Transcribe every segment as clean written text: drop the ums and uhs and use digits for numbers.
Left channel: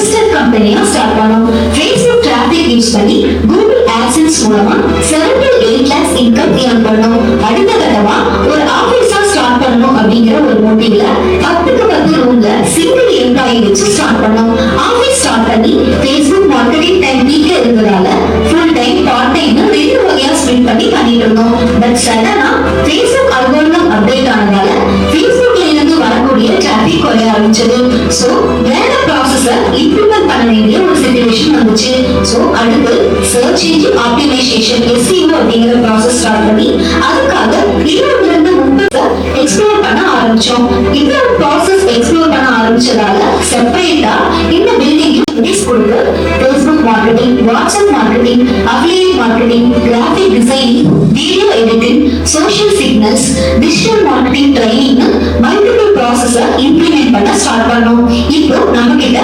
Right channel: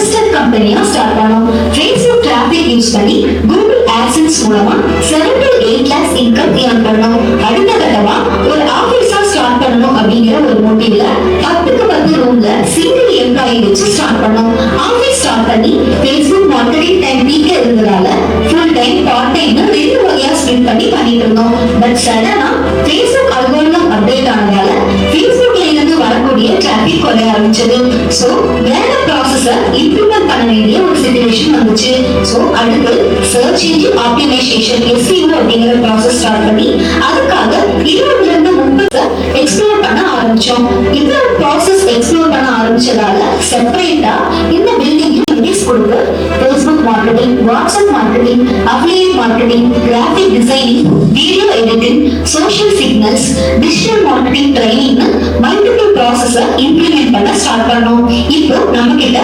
Registered கம்பெனியா start பண்ணோம். Facebook traffic use பண்ணி Google AdSense மூலமா 7 to 8 lakhs இன்கம் ஏர்ன் பண்ணோம். அடுத்த கட்டமா ஒரு ஆபீஸா ஸ்டார்ட் பண்ணணும் அப்படிங்கிற ஒரு மோட்டிவ்ல 10க்கு 10 ரூம்ல சிங்கிள் எம்ப்ளாயி வச்சு ஸ்டார்ட் பண்ணோம். ஆபீஸ் ஸ்டார்ட் பண்ணி Facebook மார்க்கெட்டிங் டைம் பீக் இருந்ததால ஃபுல் டைம் பார்ட் டைம் ரெண்டு வகையா ஸ்பெண்ட் பண்ணிட்டு இருந்தோம். பட் சடனா Facebook அல்காரிதம் அப்டேட் ஆனதால Facebookல இருந்து வரக்கூடிய டிராபிக் குறைய ஆரம்பிச்சது. சோ வேற ப்ராசஸை இம்ப்ளிமெண்ட் பண்ண வேண்டிய ஒரு சிச்சுவேஷன் வந்துச்சு. சோ அடுத்து சர்ச் இன்ஜின் ஆப்டிமைசேஷன் SEO அப்படிங்கிற ப்ராசஸ் ஸ்டார்ட் பண்ணி அதுக்காக 22 எக்ஸ்ப்ளோர் பண்ண ஆரம்பிச்சோம். இந்த ப்ராசஸ் எக்ஸ்ப்ளோர் பண்ண ஆரம்பிச்சதால செப்பரேட்டா இந்த பில்டிங் யூனிட்ஸ் கொடுத்து Facebook marketing, WhatsApp marketing, affiliate marketing, graphic designing, video editing, social signals, digital marketing training multiple ப்ராசஸை இம்ப்ளிமெண்ட் பண்ண ஸ்டார்ட் பண்ணோம். இப்போ நம்ம கிட்ட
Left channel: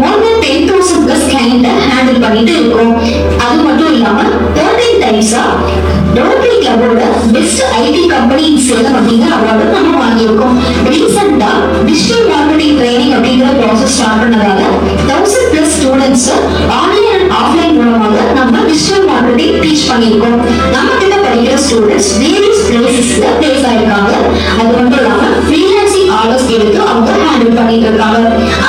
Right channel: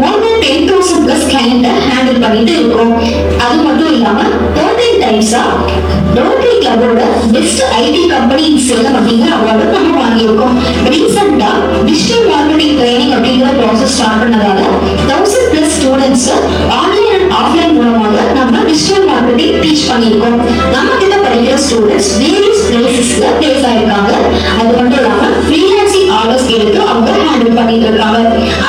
more than 10,000 plus client handle பண்ணிட்டு இருக்கோம். அது மட்டும் இல்லாம 13 டைம்ஸா ரோட்டரி கிளப்போட best IT company in Salem அப்படிங்கிற அவார்டு நம்ம வாங்கியிருக்கோம். ரீசெண்டா டிஜிட்டல் மார்க்கெட்டிங் ட்ரைனிங் அப்படிங்கிற ப்ராசஸ் ஸ்டார்ட் பண்ணதால 1000 plus students online and offline மூலமாக நம்ம டிஜிட்டல் மார்க்கெட்டிங் டீச் பண்ணியிருக்கோம். நம்ம கிட்ட படிக்கிற ஸ்டூடெண்ட்ஸ் வேரியஸ் பிளேசஸ்ல பிளேஸ் ஆயிருக்காங்க. அது மட்டும் இல்லாம ஃப்ரீலான்சிங் ஆர்டர்ஸ் எடுத்து அவங்க ஹேண்டில் பண்ணிட்டு இருக்காங்க.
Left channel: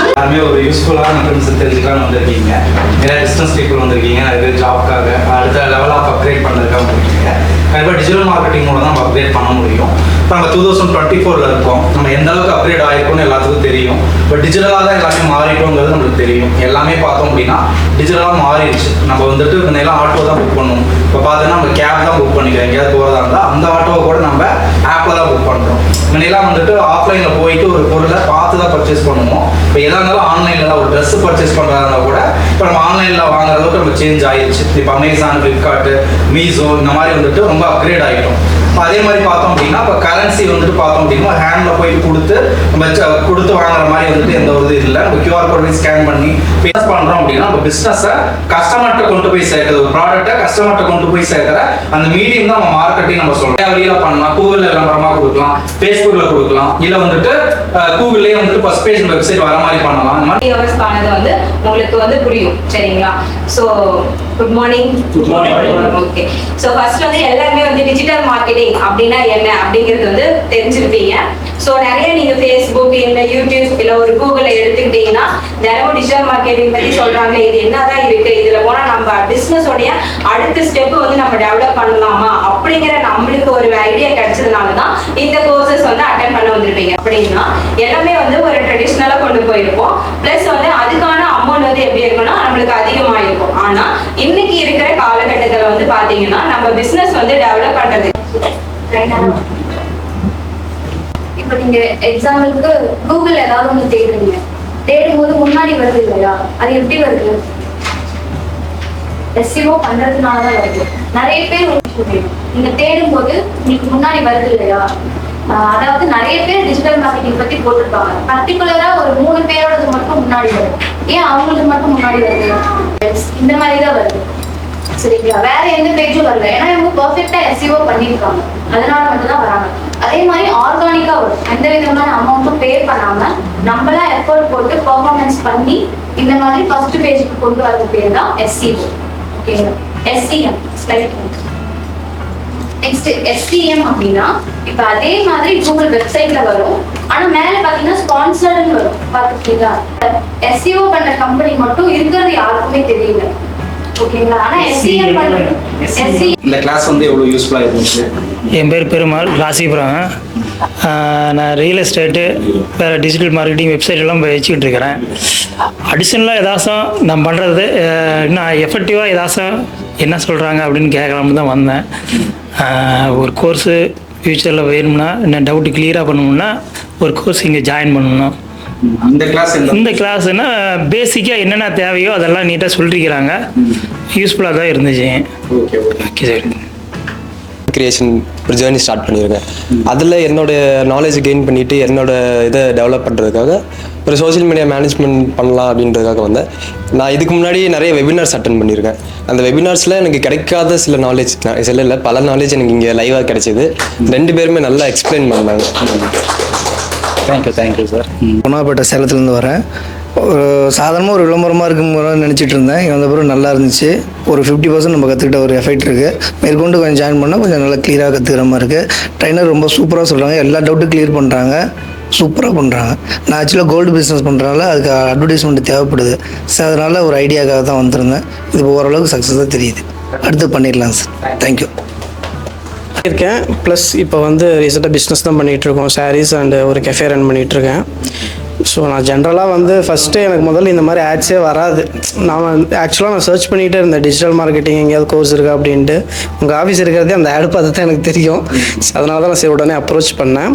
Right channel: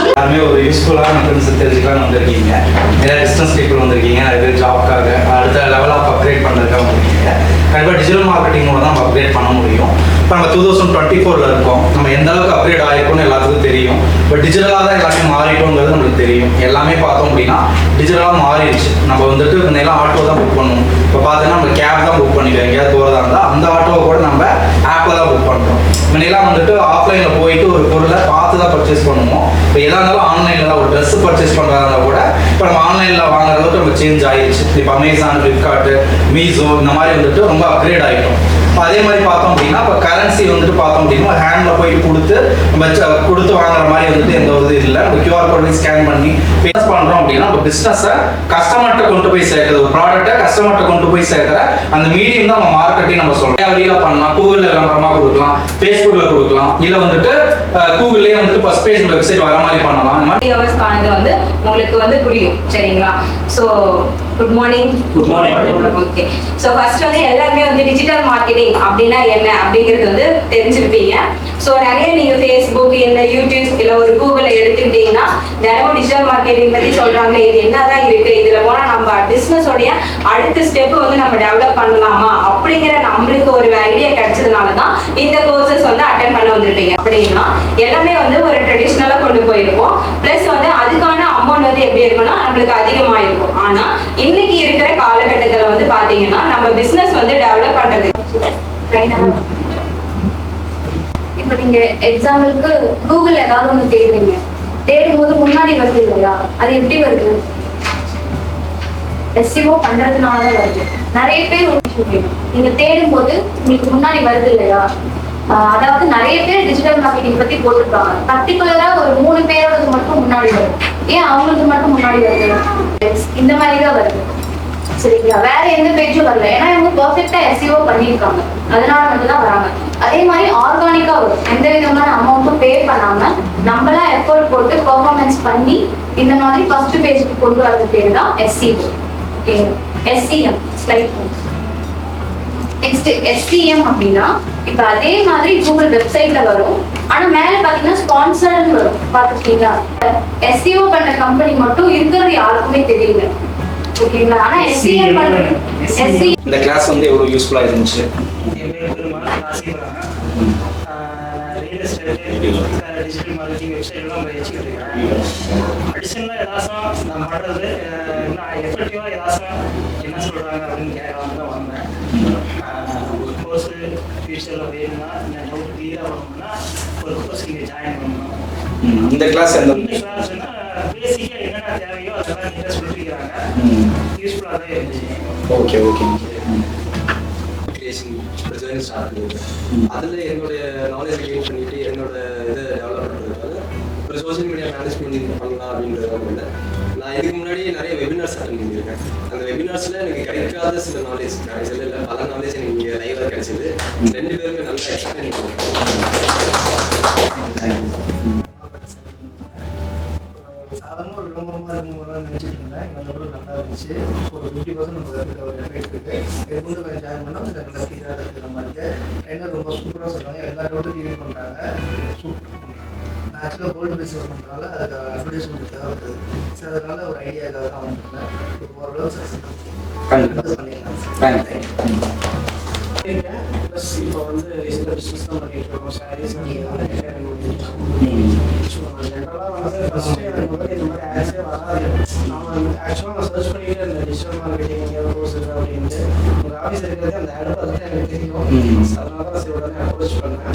எல்லாருமே ஒரு யூஸ்ஃபுல்லான ட்ரெண்ட்ஸ் தெரிஞ்சுக்கலாம் வந்திருக்கீங்க. நிறைய பிஸ்னஸ் பீப்புள் வந்திருக்கீங்க, நிறைய பேர் ஜாப்க்காக அடுத்த லெவல் ஆஃப் அப்கிரேட் பண்ணுறதுக்காக வந்திருக்கீங்க. கண்டிப்பாக டிஜிட்டல் மார்க்கெட்டிங் மூலம் தான் நம்ம அப்கிரேட் பண்ண முடியும். இப்போ நம்ம 2024 இருக்கோம். நம்ம எந்த அளவுக்கு அப்கிரேட் ஆகிருக்கும்னு எல்லாத்துக்கும் தெரியும். பட் டிஜிட்டலாக தான் எல்லாமே மாறிட்டோங்கிறது நம்மளுக்கு தெரியும். எல்லாமே பார்த்தோம் அப்படின்னா டிஜிட்டலாக மாறிடுச்சு. நம்ம வந்துட்டு முன்னெல்லாம் ஆட்டோ தான் புக் பண்ணுவோம். இப்போ பார்த்தீங்கன்னா நம்ம கேப் தான் புக் பண்ணிக்கிறோம். எங்கேயாவது போகிறதா இருந்தால் அந்த ஆட்டோவை கூட நம்ம ஆப்பில் தான் புக் பண்ணுறோம். முன்னெல்லாம் வந்துட்டு ஆஃப்லைனில் போயிட்டு ஒரு பொருளை பார்த்து தான் பர்ச்சேஸ் பண்ணுவோம். இப்போ எதாக இருந்தாலும் ஆன்லைனில் தான் ஒரு ட்ரெஸ் பர்ச்சேஸ் பண்ணுறதா கூட இப்போ நம்ம ஆன்லைனில் வாங்குற அளவுக்கு நம்ம சேஞ்ச் ஆகிடுச்சு. இப்போ அமேசான், ஃப்ளிப்கார்ட்டு, மீஷோ இந்த மாதிரி வந்துட்டு ரொம்ப அப்கிரேட் ஆகிட்டோம். அதே மாதிரி பார்த்தோம் அப்படின்னா இப்போ கரன்சி வந்துட்டு பார்த்தோம் அப்படின்னா ஹேண்டில் போயிட்டு கொடுத்து வாங்குற மாதிரி வந்துட்டு எந்த ஒரு இது இல்லை. இப்போ QR கோட் ஸ்கேன் பண்ணி பிஸ்னஸ் பண்ணுறோம் அப்படின்னா இப்போ பிஸ்னஸை கஸ்டமர்கிட்ட கொண்டு போய் சேர்க்குறது, ஒரு ப்ராடக்ட்டை கஸ்டமர்கிட்ட கொண்டு போய் சேர்க்குற அந்த மீடியம் தான் நம்ம மார்க்கெட்டிங் நம்ம சொல்கிறோம். வழியில் பண்ணலாம், கூகுளில் விளம்பரமாக கொடுக்கலாம், ஃபேஸ்புக்கில் கொடுக்கலாம், இல்லை வந்துட்டு கூகுள்லேயே வந்துட்டு ஃபர்ஸ்ட் பேஜ் வெப்சைட் வர மாதிரி பண்ணலாம். அந்த மாதிரி வந்து உங்களுக்கு வந்து புரியும். சரிங்களா? So good morning. Okay. So first வந்து எல்லாருமே வந்து டிஜிட்டல் மார்க்கெட்டிங் அப்படின்னா என்ன அப்படிங்கிறது வந்து தெரிஞ்சிருப்பீங்க. ஸோ நிறைய நீங்க ஃபேஸ்புக், இல்லை யூடியூப், இல்லை ஒரு கூகுளை எடுத்துக்கிட்டீங்கன்னா தினமும் டிஜிட்டல் மார்க்கெட்டிங் பத்தி சொல்றாங்க. இது என்னதான் இருக்கு, இதுல போனா நம்ம பிசினஸோடைய அடுத்த ஸ்டெப் வந்து நம்ம டெவலப் பண்ணலாமா அப்படிங்கிற நம்மளுக்கு ஒரு ஐடியா கிடைச்சதுனாலதான் இந்த கோர்சஸ் வந்து அட்டென்ட் பண்ண வந்திருப்பீங்க. அப்படின்னா எல்லாமே வந்து ஒரு ட்ரெடிஷ்னலா கொண்டு போயிருப்போம். பிளஸ் வந்து அதுக்கான அமௌண்ட் வந்து எப்படி இருக்கும்னா நம்மளுக்கு அதிகமா இருக்கும். ஆனா இன்னைக்கு இருக்கிற காலகட்டத்துல வந்து பாத்தீங்கன்னா நம்ம பிசினஸ் வந்து டெவலப் பண்றது இப்ப நீங்க எக்ஸாம்பிளுக்கு கூகுள் ஏதாவது ஒண்ணு தேடுறீங்க, தேடும் போது முன்னாடி வருது இல்லையா? அது எப்படி வருது? SEO பண்றதுனாலதான் வருது. நிறைய பேர் நீங்க தேடும் போது உங்களுக்கு முன்னாடி வருது இல்லையா? அதாவது நிறைய பேர் டிஜிட்டல் மார்க்கெட்டிங் பத்தி போட்டிருப்பாங்க. பர்டிகுலரா ஒரு 3 பேரோடது மட்டும் முன்னாடி வரும். ஏன் அவங்களுக்கு மட்டும் முன்னாடி வருது? இந்த மாதிரிதான் வருது. சரிங்களா? வேற எந்த பேஜும் வரல. ஏன்னா இவங்க பெர்ஃபெக்ட்டா SEO பண்ணிருக்காங்க, அதனால மட்டும் தான் வராங்க. அதே மாதிரி ஆர்கானிக்கா வரும். எந்த விதமான அமௌண்ட்டும் பே பண்ணாம நம்மளா எஃபோர்ட் போட்டு பெர்ஃபார்மன்ஸ் பண்ணி இந்த மாதிரி ஃபர்ஸ்ட் பேஜுக்கு கொண்டு வரது பேர் தான் SEO. ஓகேங்களா? SEM slide. நெக்ஸ்ட் SEM அப்படின்னா இப்ப அதே மாதிரி கூகுள் வெப்சைட்ல வரும். ஆனா மேல பாத்தீங்கன்னா ஸ்பான்சர்ட்னு வரும். பாத்துக்கிட்டீங்களா? SEO பண்ண கம்பெனி மட்டும் இருக்கிறது யாருக்குமே தெரியல. ஓகேங்களா? ஆனா SEM பண்றது இந்த கிளாஸ் வந்து எவ்வளவு யூஸ்ஃபுல்லா இருந்துச்சு. என் பேர் பெருமாள், ராசிபுரம். நான் ரியல் எஸ்டேட்டு, வேறு டிஜிட்டல் மார்க்கெட்டிங் வெப்சைட் எல்லாம் வச்சுக்கிட்டு இருக்கிறேன். அடிஷ்னலாக ஏதாச்சும் நான் பண்ணுறது இன்னும் எஃபெக்டிவாக ஏதாச்சும் என்ன சொல்கிறாங்க அப்படின்னு கேட்கலாம்னு தான் வந்தேன். ஒரு கோர்ஸு ஃப்யூச்சரில் வேணும்னா என்ன டவுட்டு கிளியராக பண்ணணும்னா ஒரு கோர்ஸ் இங்கே ஜாயின் பண்ணணும். இந்த கிளாஸ்னா பேசிக்காக என்னென்ன தேவையோ அதெல்லாம் நீட்டாக சொல்லிருக்கிறாங்க. யூஸ்ஃபுல்லாக தான் இருந்துச்சு. Okay sir. கிரியேஷன் ஒரு ஜேர்னி ஸ்டார்ட் பண்ணியிருக்கேன். அதில் என்னோடய நாலேஜ் கெயின் பண்ணிவிட்டு என்னோடய இதை டெவலப் பண்ணுறதுக்காக ஒரு சோஷியல் மீடியா மேனேஜ்மெண்ட் பண்ணலாம் அப்படின்றதுக்காக வந்தேன். நான் இதுக்கு முன்னாடி நிறைய வெபினார்ஸ் அட்டன் பண்ணியிருக்கேன். அந்த வெபினார்ஸில் எனக்கு கிடைக்காத சில நாலேஜ், சில இல்லை பல நாலேஜ் எனக்கு இங்கே லைவாக கிடைச்சிது. 2 பேருமே நல்லா எக்ஸ்பிளைன் பண்ணாங்க. Thank you sir. பொன்னாப்பேட்டை சேலத்துலேருந்து வரேன். சாதாரணமாக ஒரு விளம்பரமாக இருக்கும் நினச்சிட்டு இருந்தேன். இங்கே வந்த பிறகு நல்லா இருந்துச்சு. ஒரு 50% நம்ம கற்றுக்கிட்ட ஒரு எஃபெக்ட் இருக்குது. மேற்கொண்டு கொஞ்சம் ஜாயின் பண்ணால் கொஞ்சம் நல்லா கிளியராக கற்றுக்கிற மாதிரி இருக்குது. ட்ரைனர் ரொம்ப சூப்பராக சொல்கிறாங்க, எல்லா டவுட்டும் கிளியர் பண்ணுறாங்க, சூப்பராக பண்ணுறாங்க. நான் ஆக்சுவலாக கோல்டு பிஸ்னஸ் பண்ணுறதுனால அதுக்கு அட்வர்டைஸ்மெண்ட் தேவைப்படுது. ஸோ அதனால் ஒரு ஐடியாக்காக தான் வந்திருந்தேன். இது ஓரளவுக்கு சக்ஸஸாக தெரியுது. அடுத்து பண்ணிடலாம் சார். தேங்க்யூ. இருக்கேன். ப்ளஸ் இப்போ வந்து ரீசெண்டாக பிஸ்னஸ் தான் பண்ணிகிட்ருக்கோம். சாரீஸ் அண்டு ஒரு கெஃபே ரன் பண்ணிகிட்ருக்கேன். ஸோ நான் ஜென்ரலாக வந்து ஃபஸ்ட்டு எனக்கு முதல்ல இந்த மாதிரி ஆட்ஸே வராது. நான் ஆக்சுவலாக நான் சர்ச் பண்ணிகிட்டே இருந்தேன், டிஜிட்டல் மார்க்கெட்டிங் எங்கேயாவது கோர்ஸ் இருக்கா அப்படின்ட்டு. உங்கள் ஆஃபீஸ் இருக்கிறதே அந்த ஆட் பார்த்து தான் எனக்கு தெரியும். அதனால தான் நான் சரி உடனே அப்ரோச் பண்ணேன்.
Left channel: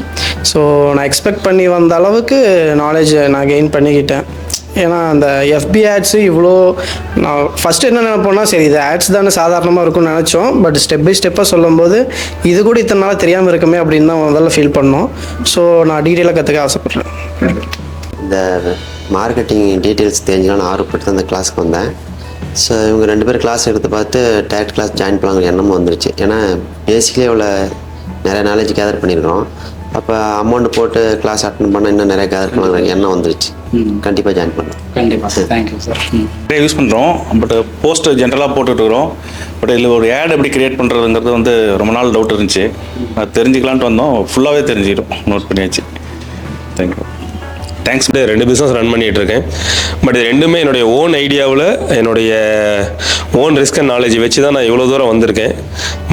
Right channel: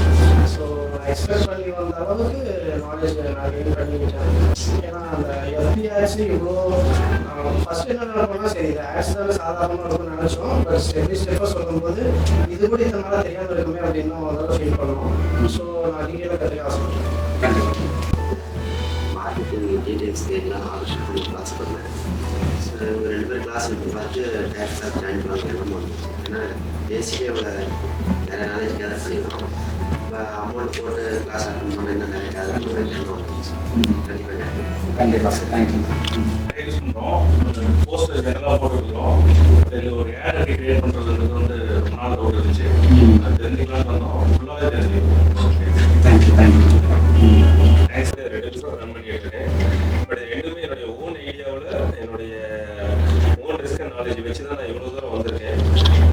ஸோ நான் எக்ஸ்பெக்ட் பண்ணி வந்த அளவுக்கு நாலேஜ் நான் கெயின் பண்ணிக்கிட்டேன். ஏன்னா அந்த எஃபி ஆட்ஸு இவ்வளோ நான் ஃபஸ்ட்டு என்ன நினைப்போம்னா, சரி இது ஆட்ஸ் தானே சாதாரணமாக இருக்கும்னு நினச்சோம். பட் ஸ்டெப் பை ஸ்டெப்பாக சொல்லும்போது இது கூட இத்தனை நாளாக தெரியாமல் இருக்குமே அப்படின்னு தான் முதல்ல ஃபீல் பண்ணோம். ஸோ நான் டீட்டெயிலாக கற்றுக்க ஆசைப்பட்றேன். இந்த மார்க்கெட்டிங் டீட்டெயில்ஸ் தெரிஞ்சுக்கலான்னு ஆர்வப்பட்டு தான் இந்த கிளாஸுக்கு வந்தேன். ஸோ இவங்க 2 பேர் கிளாஸ் எடுத்து பார்த்து டேரக்ட் கிளாஸ் ஜாயின் பண்ணலாங்கிற எண்ணமும் வந்துருச்சு. ஏன்னா பேசிக்கலி அவ்வளோ நிறைய நாலேஜ் கேதர் பண்ணியிருக்கிறோம். அப்போ அமௌண்ட் போட்டு கிளாஸ் அட்டன் பண்ணால் இன்னும் நிறைய கேதர் பண்ணலாங்கிற எண்ணம் வந்துருச்சு. கண்டிப்பாக ஜாயின் பண்ணுறேன். கண்டிப்பாக. Thank you sir. நிறைய யூஸ் பண்ணுறோம். பட் போஸ்ட் ஜென்ரலாக போட்டுட்ருக்குறோம். பட் இதில் ஒரு ஆட் எப்படி கிரியேட் பண்ணுறதுங்கிறது வந்து ரொம்ப நாள் டவுட் இருந்துச்சு. நான் தெரிஞ்சுக்கலான்ட்டு வந்தோம். ஃபுல்லாகவே தெரிஞ்சுக்கிட்டோம், நோட் பண்ணியாச்சு. தேங்க்யூ. தேங்க்ஸ். 2 பிஸ்னஸ் ரன் பண்ணிகிட்டு இருக்கேன். பட் இது ரெண்டுமே என்னுடைய ஓன் ஐடியாவில் என்னுடைய ஓன் ரிஸ்க் அண்ட் நாலேஜ் வச்சு தான் நான் இவ்வளோ தூரம் வந்திருக்கேன்.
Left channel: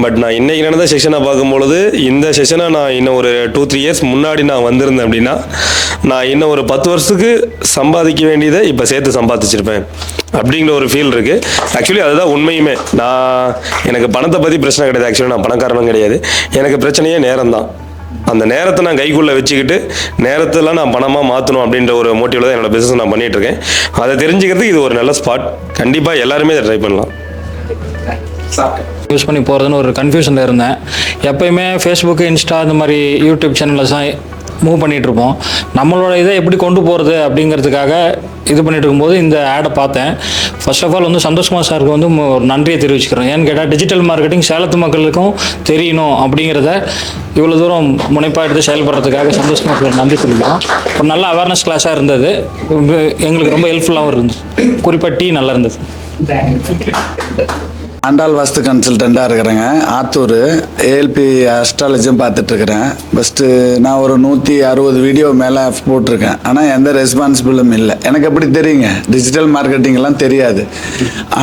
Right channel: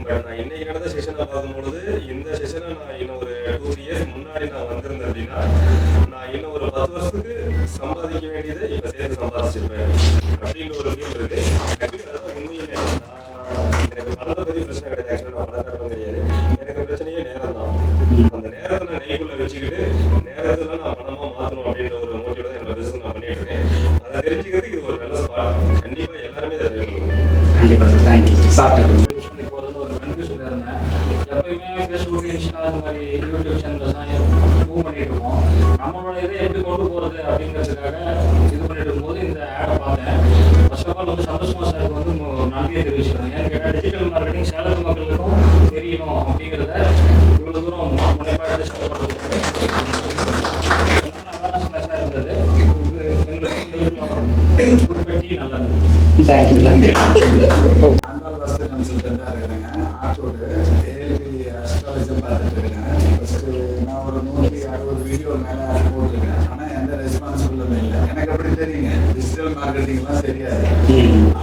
பட் நான் இன்றைக்கி நடந்த செஷனை பார்க்கும்பொழுது இந்த செஷனை நான் இன்னும் ஒரு 2-3 இயர்ஸ் முன்னாடி நான் வந்திருந்தேன் அப்படின்னா நான் இன்னும் ஒரு 10 வருஷத்துக்கு சம்பாதிக்க வேண்டியதை இப்போ சேர்த்து சம்பாதிச்சிருப்பேன் அப்படிங்கிற ஒரு ஃபீல் இருக்குது. ஆக்சுவலி அதுதான் உண்மையுமே. எனக்கு பணத்தை பற்றி பிரச்சனை கிடையாது. ஆக்சுவலி நான் பணக்காரனும் கிடையாது. எனக்கு பிரச்சனையே நேரம் தான். அந்த நேரத்தை நான் கைக்குள்ளே வச்சுக்கிட்டு நேரத்தில் நான் பணமாக மாற்றணும் அப்படின்ற ஒரு மோட்டிவில் தான் என்னோடய பிஸ்னஸ் நான் பண்ணிகிட்ருக்கேன். அதை தெரிஞ்சுக்கிறதுக்கு இது ஒரு நல்ல ஸ்பாட். கண்டிப்பாக எல்லாருமே இதை ட்ரை பண்ணலாம். யூஸ் பண்ணி போகிறதுன்னு ஒரு கன்ஃபியூஷனில் இருந்தேன். எப்போயுமே ஃபேஸ்புக்கு, இன்ஸ்டா, இந்த மாதிரி யூடியூப் சேனல்ஸ் தான் மூவ் பண்ணிகிட்ருப்போம். நம்மளோட இதை எப்படி கொண்டு போகிறது அப்படிங்கிறதுக்காக இது பண்ணிட்டு இருக்கும்போது இந்த ஆடை பார்த்தேன். ஃபர்ஸ்ட் ஆஃப் ஆல் வந்து சந்தோஷ்குமார் சாருக்கு வந்து ஒரு நன்றியை தெரிவிச்சுக்கிறேன். ஏன்னு கேட்டால் டிஜிட்டல் மார்க்கெட்டிங் சேலத்து மக்களுக்கும் தெரியணும் அப்படிங்கிறத இவ்வளோ தூரம் முனைப்பாக எடுத்து செயல்படுறதுக்காக சந்தோஷ்குமார் சார் நன்றி தெரிவிக்கிறோம். ஒரு நல்ல அவேர்னஸ் கிளாஸாக இருந்தது. எங்களுக்கு ரொம்ப ஹெல்ப்ஃபுல்லாகவும் இருந்துச்சு. குறிப்பாக டீ நல்லா இருந்தது. ஆண்டாள் வாஸ்து கன்சல்டண்ட்டாக இருக்கிறேங்க. ஆத்தூர் ஏஎல்பி அஸ்ட்ராலஜியும் பார்த்துட்ருக்குறேன். ஃபஸ்ட்டு நான் ஒரு 160 வீடியோ மேலே போட்டிருக்கேன். ஆனால் எந்த ரெஸ்பான்சிபிளும் இல்லை. எனக்கு எப்படி தெரியுங்க, டிஜிட்டல் மார்க்கெட்டிங்லாம் தெரியாது.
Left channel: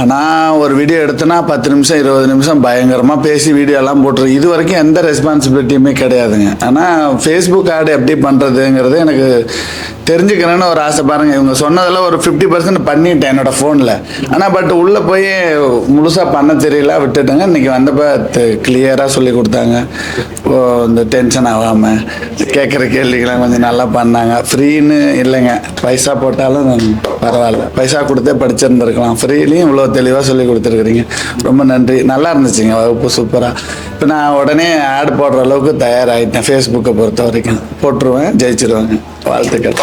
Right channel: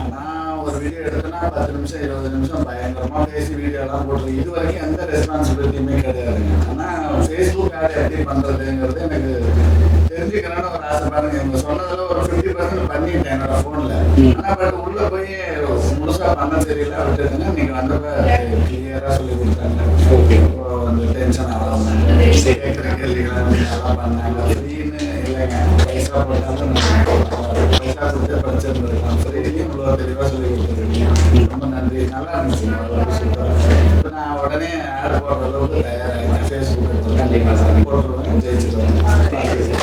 ஆனால் ஒரு வீடியோ எடுத்தோன்னா 10 நிமிஷம் 20 நிமிஷம் பயங்கரமாக பேசி வீடியோலாம் போட்டிருக்கேன். இது வரைக்கும் எந்த ரெஸ்பான்சிபிலிட்டியுமே கிடையாதுங்க. ஆனால் ஃபேஸ்புக் ஆடு எப்படி பண்ணுறதுங்கிறது எனக்கு தெரிஞ்சுக்கிறேன்னு ஒரு ஆசை. பாருங்கள், இவங்க சொன்னதில் ஒரு 50% பண்ணிட்டேன் என்னோடய ஃபோனில். ஆனால் பட் உள்ளே போய் முழுசாக பண்ண தெரியல, விட்டுட்டுங்க. இன்றைக்கி வந்தப்போ கிளியராக சொல்லி கொடுத்தாங்க. இந்த டென்ஷன் ஆகாமல் கேட்குற கேள்விகளாம் கொஞ்சம் நல்லா பண்ணாங்க. ஃப்ரீன்னு இல்லைங்க, பைசா போட்டாலும் பரவாயில்ல, பைசா கொடுத்தே படிச்சிருந்துருக்கலாம். ஃப்ரீலையும் இவ்வளோ தெளிவாக சொல்லி கொடுத்துருக்குறீங்க, ரொம்ப நன்றி. நல்லா இருந்துச்சுங்க வகுப்பு, சூப்பராக. இப்போ நான் உடனே ஆட் போடுற அளவுக்கு தயாராகிட்டேன். ஃபேஸ்புக்கை பொறுத்த வரைக்கும் போட்டுருவேன், ஜெயிச்சிருவாங்க. வாழ்த்துக்கள்.